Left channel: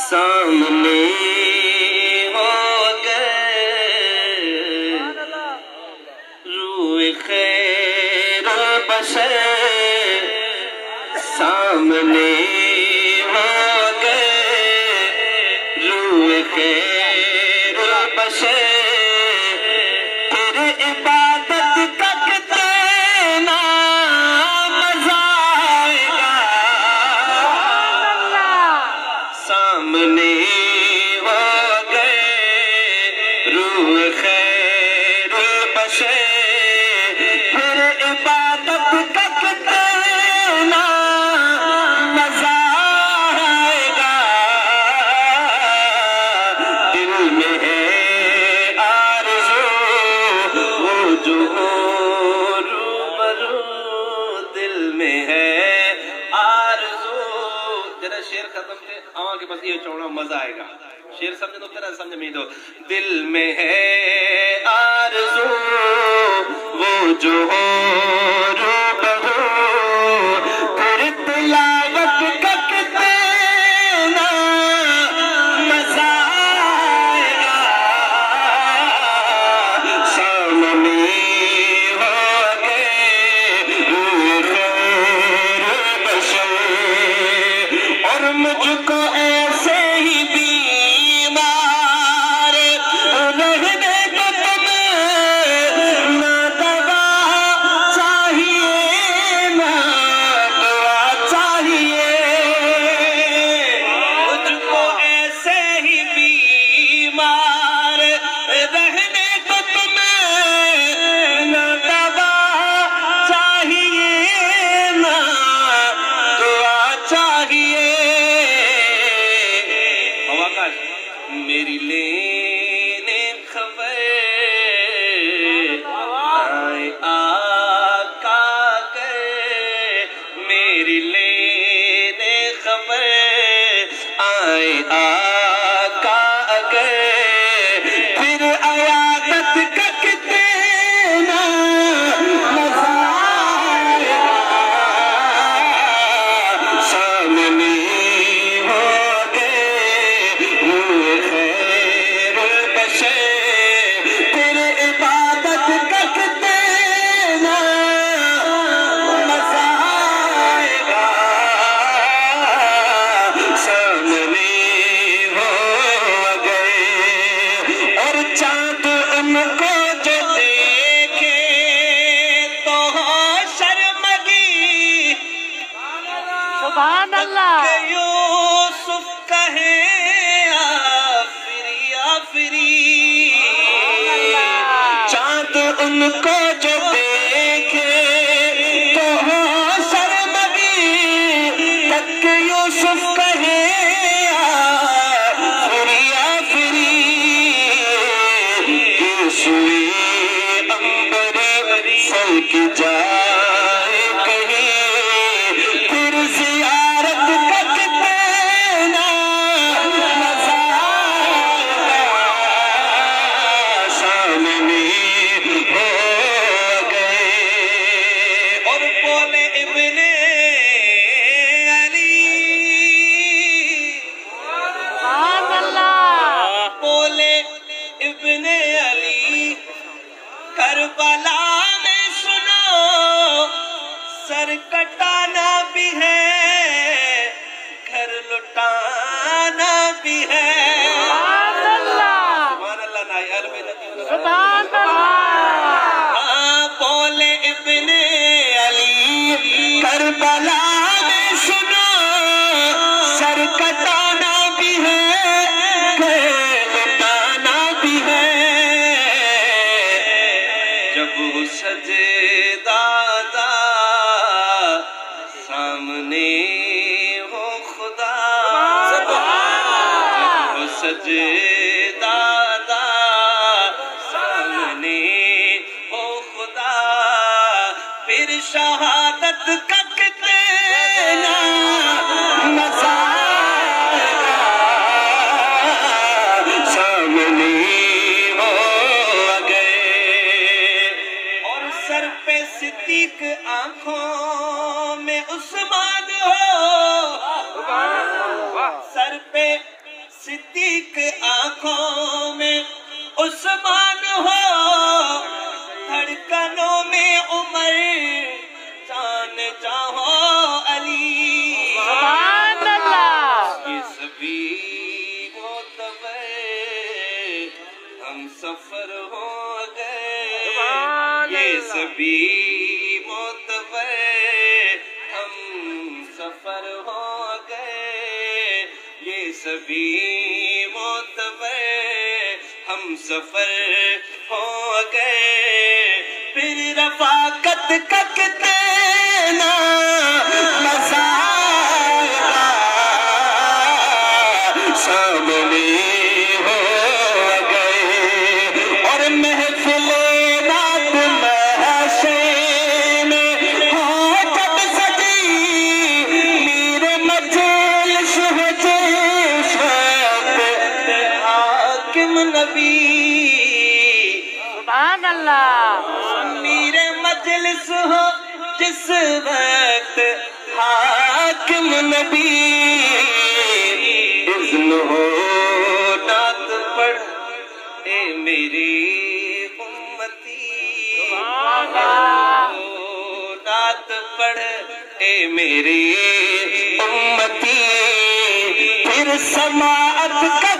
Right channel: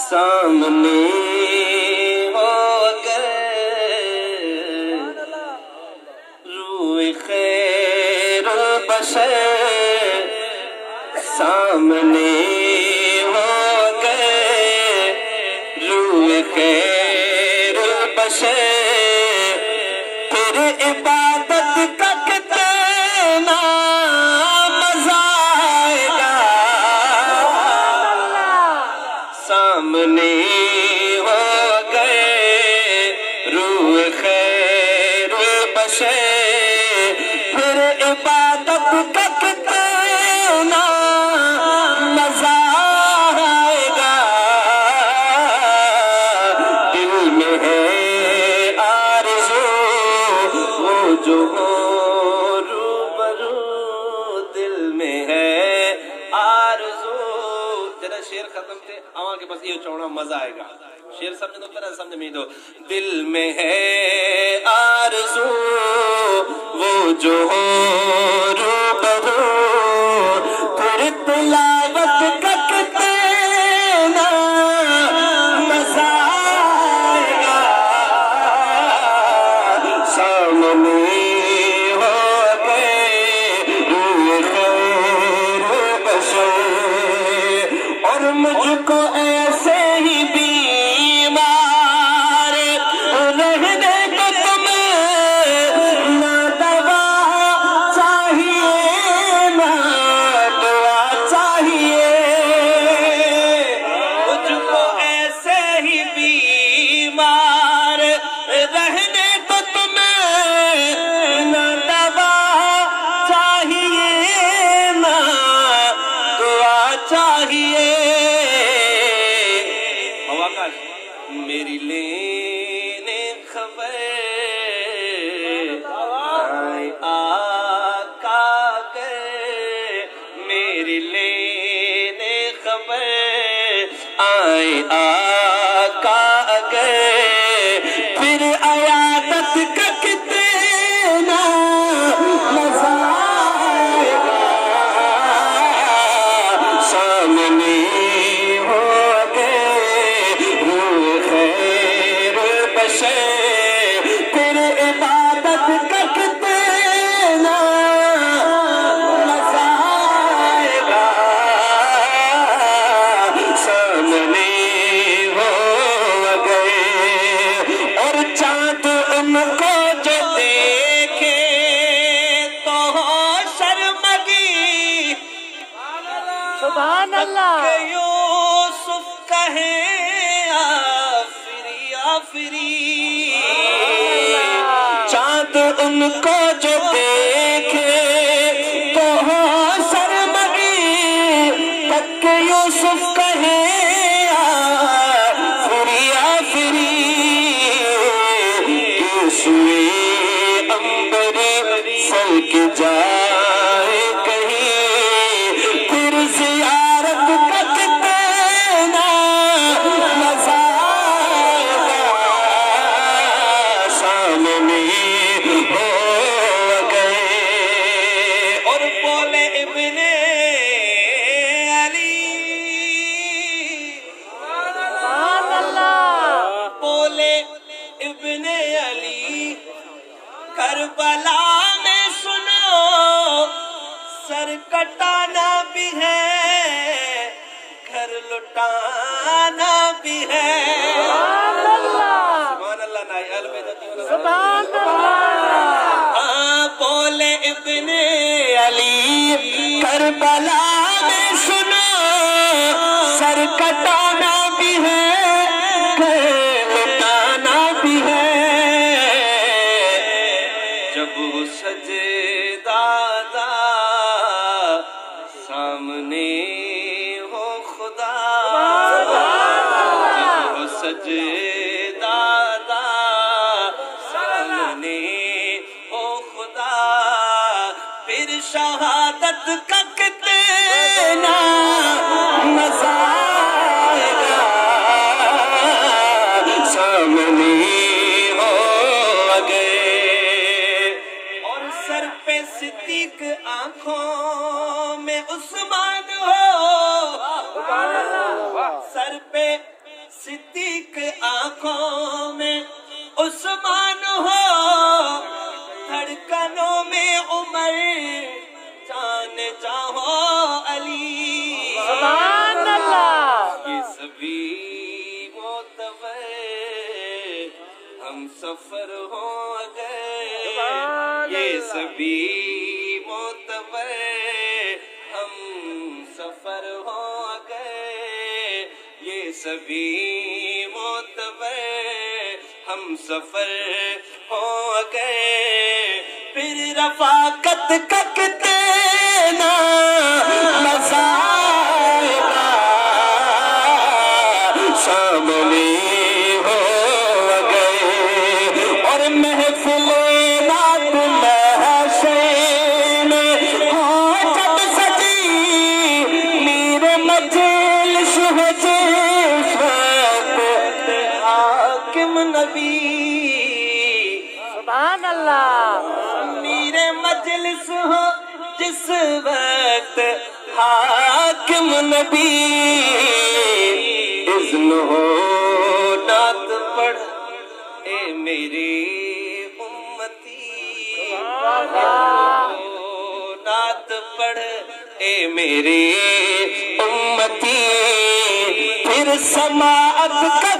سامنے ہو گئے روح خیر البشر، سامنے ہو گئے روح خیر البشر، پھر عبادت کا کتنا مزہ آئے گا، سامنے ہو گئے روح خیر البشر، پھر عبادت کا کتنا مزہ آئے گا، دل میں ہے آرزو وہ جو ہو روبرو، دل میں ہے آرزو، ذرا شعر ختم کے آواں کے بس یہ چوڑا مزہ آئے گا، شعر سمجھ دو پھر سمجھ میں دو، دل میں ہے آرزو وہ جو ہو روبرو، پھر تلاوت کا کتنا مزہ آئے گا، سامنے ہو گئے روح خیر البشر، اور مجھ کو ایسے ہی بیمار رہنے کو تمہیں نہ دوا چاہیے نہ دعا چاہیے، مجھ کو ایسے ہی بیمار رہنے کو تمہیں نہ دوا چاہیے نہ دعا چاہیے، میری لینے خبر آئے آقا گئے، میری لینے خبر آئے آقا گئے، پھر عیادت کا کتنا مزہ آئے گا، سامنے ہو گئے روح خیر البشر، پھر عبادت کا کتنا مزہ آئے گا، سامنے ہو گئے، اور چاند ان کو جو دیکھے تو ہو شرمگی، سبحان اللہ، کہ یوسف کہے آفری آفری، چاند ان کو جو دیکھے تو ہو شرمگی، تک کہ یوسف کہے آفری آفری، یوسوی امبری سل کے جائے کہیں، پھر زیارت کا کتنا مزہ آئے گا، سامنے ہو گئے، اور بولے ابن علی، سبحان اللہ، بولے ابن علی، کربلا میں سنو سر کٹانا بھی ہے گھر لٹانا بھی ہے، سبحان اللہ، نائی اہل بیت کی سبحان اللہ، بولے ابن علی، کربلا میں سنو سر کٹانا بھی ہے گھر لٹانا بھی ہے، جب سجدہ دا سامنے ہو خدا، جب سجدہ دا سامنے ہو خدا، پھر شہادت کا کتنا مزہ آئے گا، سامنے ہو گئے صدیق آنکھوں میں عثمان ہو، سر پہ صدیق آنکھوں میں عثمان ہو، دھڑکنوں میں عمر، جان چاہو علی۔ سبحان اللہ۔ یہ سبھی معتبر ہم سفر ہو گئے، یہ سبھی معتبر ہم سفر ہو گئے، یہ سبھی معتبر ہم سفر ہو گئے۔ پھر رفاقت کا کتنا مزہ شاملی ہو گئے، اور محفل رات محشر میں ہو جب سجی، میر مجلس ہے جس وقت حاکم نبی، سبحان اللہ۔ میرے مجلس ہو جس وقت حاکم نبی، اذن ہو نعت پڑھ اے میری امتی، نعت پڑھ اے میری امتی، پھر سماعت کا